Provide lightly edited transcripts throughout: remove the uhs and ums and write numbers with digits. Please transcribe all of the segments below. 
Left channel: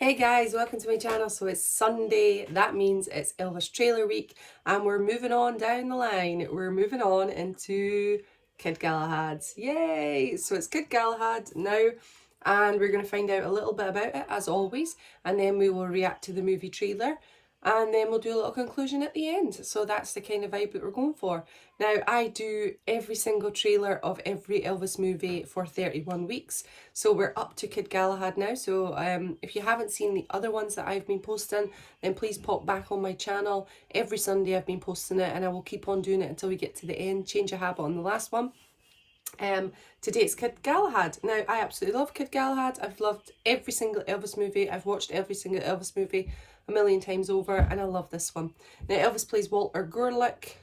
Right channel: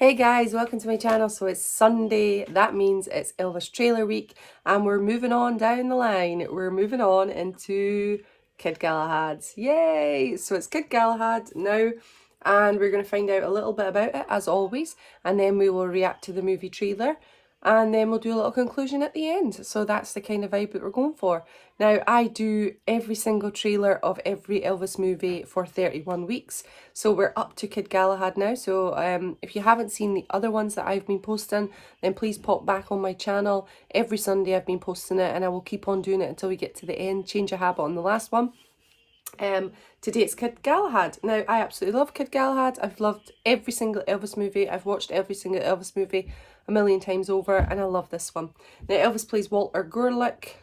Hey guys, welcome to my channel. So it's Sunday, that means it's Elvis trailer week, and we're moving on down the line. We're moving on into Kid Galahad's. Yay! So it's Kid Galahad now, and we're going to find out a little bit about it as always, and then we will react to the movie trailer, and then we'll do a little conclusion at the end. So that's the kind of vibe that we're going for. Now, I do every single trailer of every Elvis movie for 31 weeks. So we're up to Kid Galahad now. So if you haven't seen the other ones that I've been posting, then please pop back on my channel. Every Sunday I've been posting it, and I will keep on doing it until we get to the end. Change a habit on the last one. Today it's Kid Galahad. Now, I absolutely love Kid Galahad. I've loved every single Elvis movie. I've watched every single Elvis movie a million times over, and I love this one. Now, Elvis plays Walter Gurlick.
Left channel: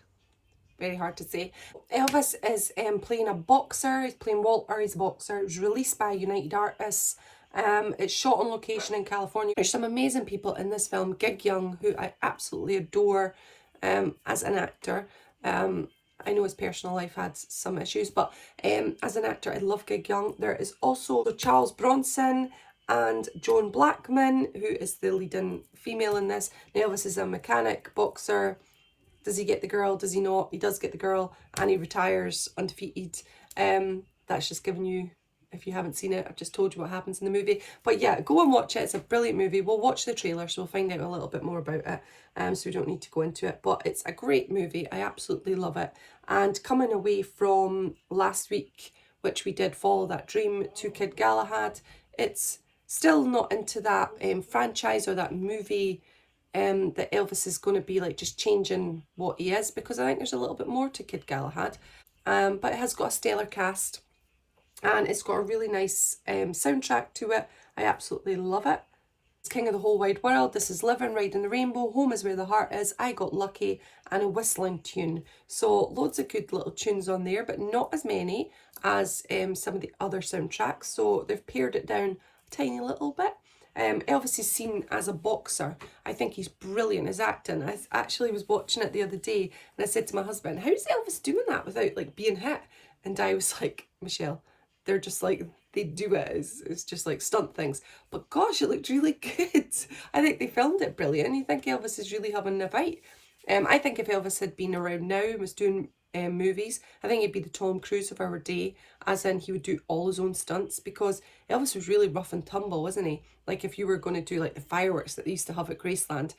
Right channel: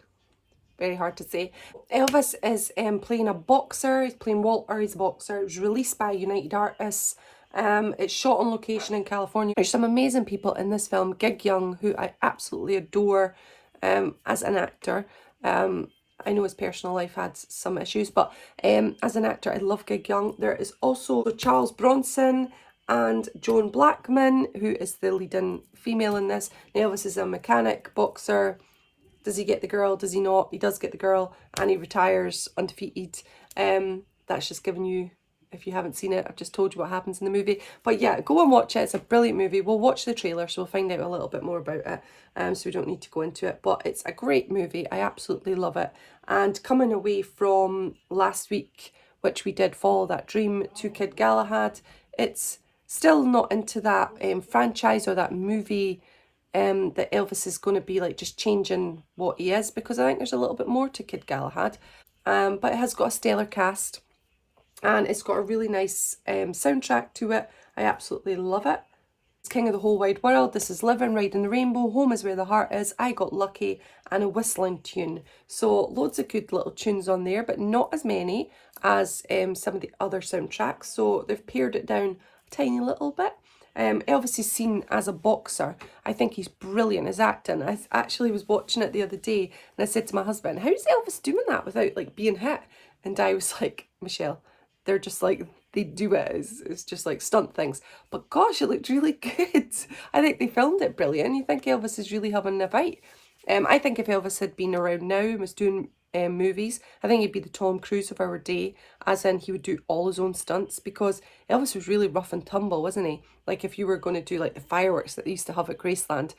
Very hard to say. Elvis is playing a boxer. He's playing Walter. He's a boxer. It was released by United Artists. It's shot on location in California. There's some amazing people in this film. Gig Young, who I absolutely adore as an actor. I know his personal life had some issues, but as an actor, I love Gig Young. There is also Charles Bronson and Joan Blackman, who is the leading female in this. Elvis is a mechanic, boxer. Does he get the girl? Does he not? He does get the girl, and he retires undefeated. That's just giving you, if you haven't seen it, I've just told you what happens in the movie. But yeah, go and watch it. It's a brilliant movie. We'll watch the trailer, so we'll find out a little bit more about it. So we don't need to go into it. But it's a great movie. I absolutely love it. And coming away from last week, which we did Follow That Dream to Kid Galahad, it's still not into that franchise or that movie that Elvis is going to be like just changing what he is, because I think there's a little bit more to Kid Galahad. But it has got a stellar cast, and it's got a really nice soundtrack to it. I absolutely love it. It's King of the Whole Wide World, This Is Living, Riding the Rainbow, Home Is Where the Heart Is, I Got Lucky, and a whistling tune. So loads of good little tunes on there, but not as many as some of the other soundtracks. So they've pared it down a tiny little bit. Elvis is seen as a boxer. I think he's brilliant as acting. I actually was watching it the other day, and I said to my husband, how's Elvis doing that without like being hit? And I was like, Michelle, they're just like, they do it. It's just like stunt things. But gosh, it looked really good. I think they filmed it brilliant. You think Elvis is really having a fight. I think if Elvis had been around now and was doing movies, I think he'd be the Tom Cruise of our day, as in he would do all his own stunts, because Elvis was really rough and tumble, wasn't he? Like if you were going to do like the fireworks that they used to have at Graceland,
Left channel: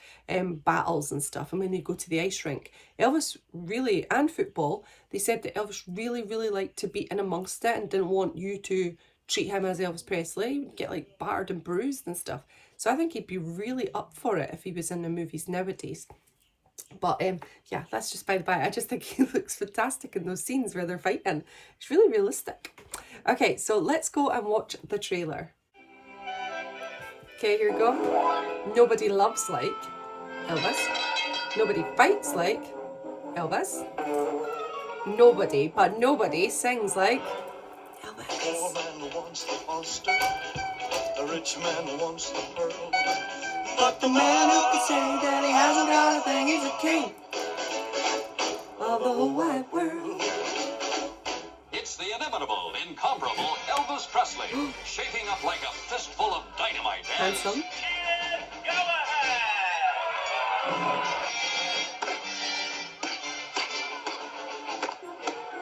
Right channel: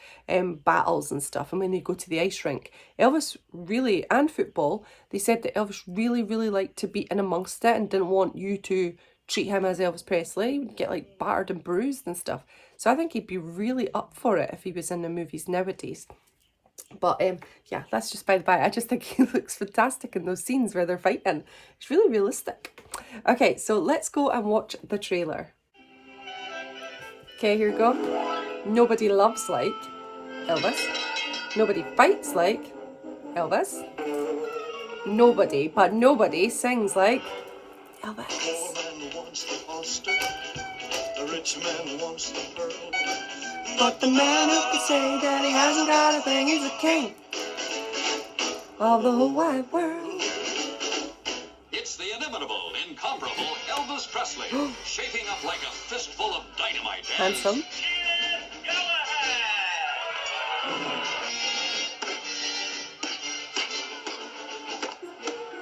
battles and stuff, and when they go to the ice rink, Elvis really, and football, they said that Elvis really, really liked to be in amongst it and didn't want you to treat him as Elvis Presley. He would get like battered and bruised and stuff. So I think he'd be really up for it if he was in the movies nowadays. But yeah, that's just by the by. I just think he looks fantastic in those scenes where they're fighting. It's really realistic. Okay, so let's go and watch the trailer. Okay, here we go. Nobody loves like Elvis. Nobody fights like Elvis. Nobody, but nobody sings like Elvis. A poor man wants the oyster, a rich man wants the pearl, but the man who can say that he hasn't got a thing, he's a king of the whole wide world. It's the inimitable, incomparable Elvis Presley, shaking up like a fistful of dynamite. Handsome.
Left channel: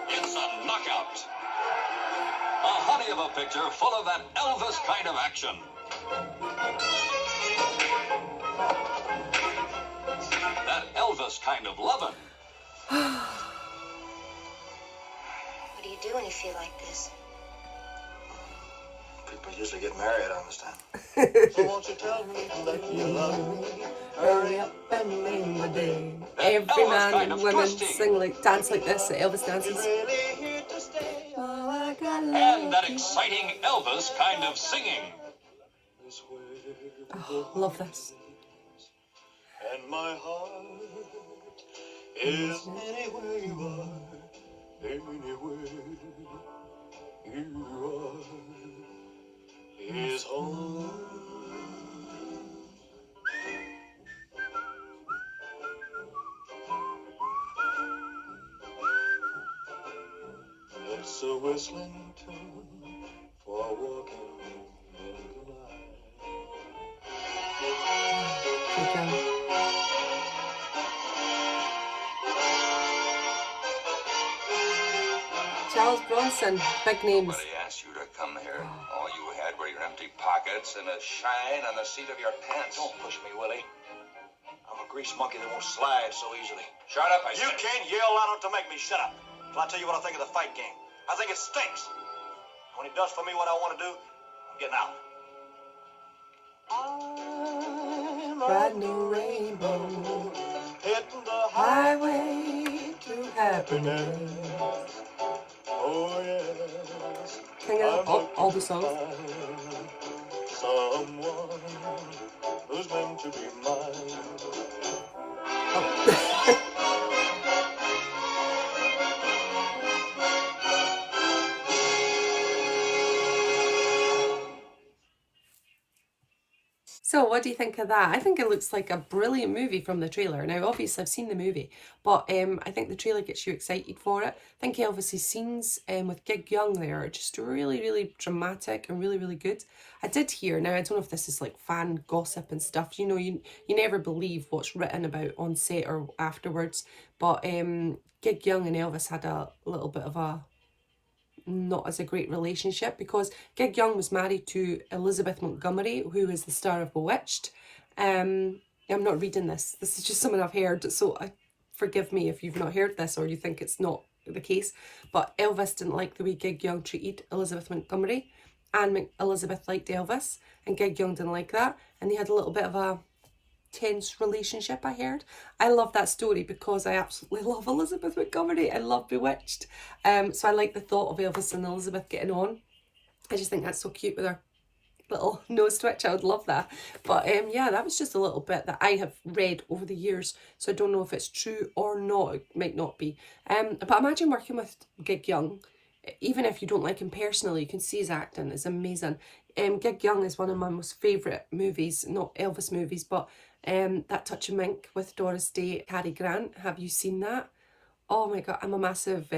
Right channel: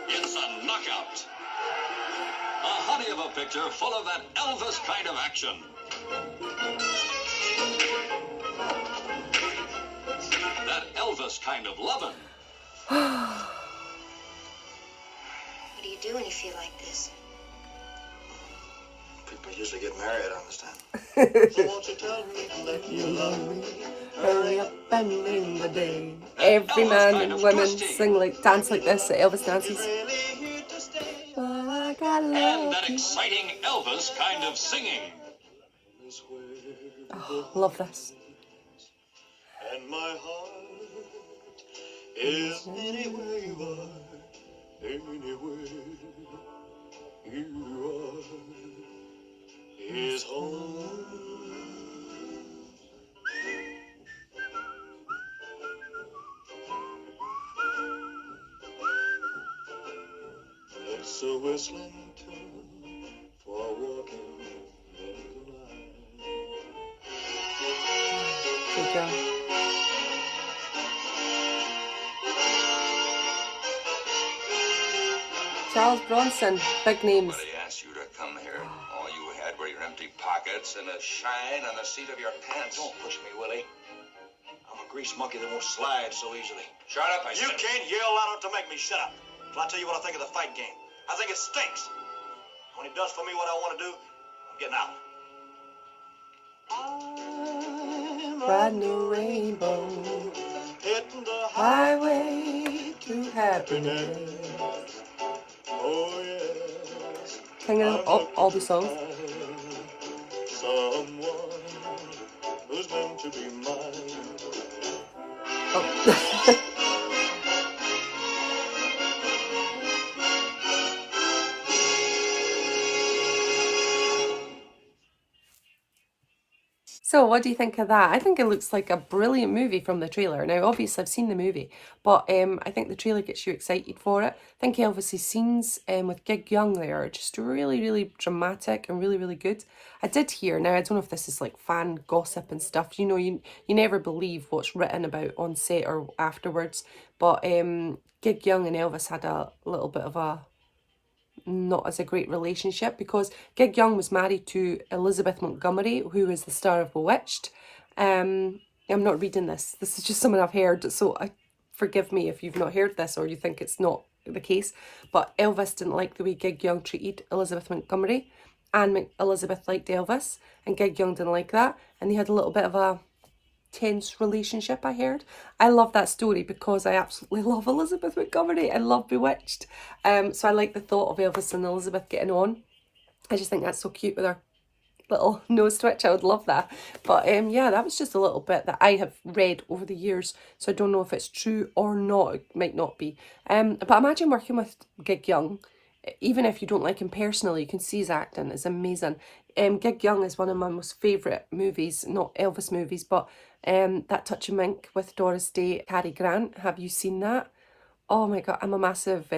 It's a knockout. A honey of a picture full of that Elvis kind of action. That Elvis kind of lovin'. What do you do when you feel like this? People usually get married, I understand. So won't you tell me that you love me? Hurry up and name the day. Every man and woman sing like, dance like this at Elvis dances. Oh, I got And that exciting Elvis kind of singing. Oh, love this. And my heart is anywhere you are, anywhere you are, is home. It's a whistling tune for walking in the night. Good job. Charles Bronson, big names. Nobody asked you to come here. All you had were your empty pockets and a shine on the seat of your pants. Don't push me, Willie. I'm a grease monkey that won't slide so easily. Shut up, I You said. can't yell loud enough to make me shut up. So I'll tell you what I think of the fight game. I think it stinks. When it does for me what I want to do, I'm getting out. Brand new rainbow, Hitting the highway to happiness. Oh, yes. Singing all the songs. Someone who's meant to be mine. Oh. So what do you think of that? I think it looks like a brilliant movie from the trailer. Now, obviously, I've seen the movie, but I think the trailer gets you excited for it. I think Elvis's scenes with Gig Young there are just really, really dramatic and really, really good. I did hear, now I don't know if this is like fan gossip and stuff, you know, you never believe what's written about on set or afterwards, but Gig Young and Elvis had a little bit of a not as a great relationship, because Gig Young was married to Elizabeth Montgomery, who is the star of Bewitched. I'm not reading this. This is just something I've heard, so forgive me if you've not heard this or you think it's not the case. But Elvis didn't like the way Gig Young treated Elizabeth Montgomery, and Elizabeth liked Elvis, and Gig Young didn't like that, and they had a little bit of a tense relationship, I heard. I love that story because I absolutely love Elizabeth Montgomery. I love Bewitched. So I like the thought of Elvis and Elizabeth getting on. I just think that's so cute with her little nose twitch. I would love that. But yeah, that was just a little bit that I have read over the years, so I don't know if it's true or not. It might not be. But imagine working with Gig Young. Even if you don't like him personally, you can see his acting is amazing. Gig Young is one of my most favourite movies, not Elvis movies, but That Touch of Mink with Doris Day, Cary Grant. Have you seen that? Oh my god, I'm a massive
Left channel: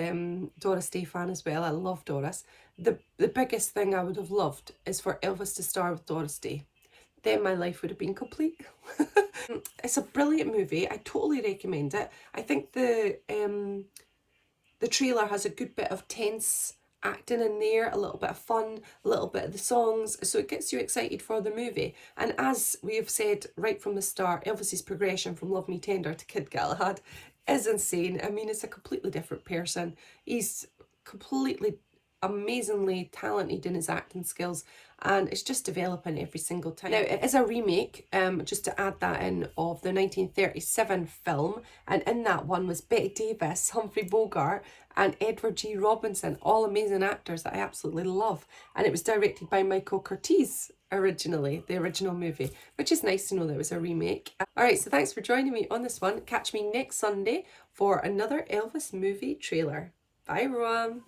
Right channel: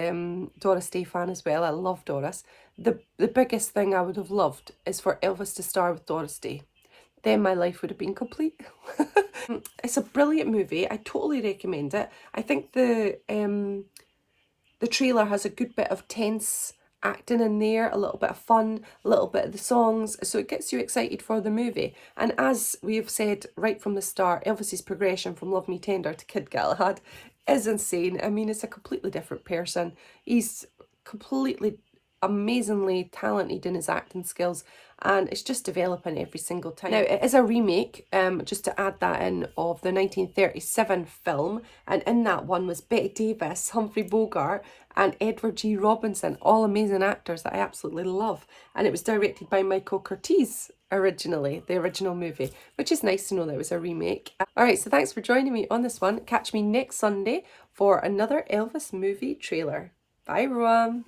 Doris Day fan as well. I love Doris. The biggest thing I would have loved is for Elvis to star with Doris Day. Then my life would have been complete. It's a brilliant movie. I totally recommend it. I think the trailer has a good bit of tense acting in there, a little bit of fun, a little bit of the songs, so it gets you excited for the movie. And as we have said right from the start, Elvis's progression from Love Me Tender to Kid Galahad is insane. I mean, it's a completely different person. He's completely amazingly talented in his acting skills, and it's just developing every single time. Now, it is a remake, just to add that in, of the 1937 film, and in that one was Bette Davis, Humphrey Bogart, and Edward G. Robinson, all amazing actors that I absolutely love. And it was directed by Michael Curtiz originally, the original movie, which is nice to know that it was a remake. Alright, so thanks for joining me on this one. Catch me next Sunday for another Elvis movie trailer. Bye everyone!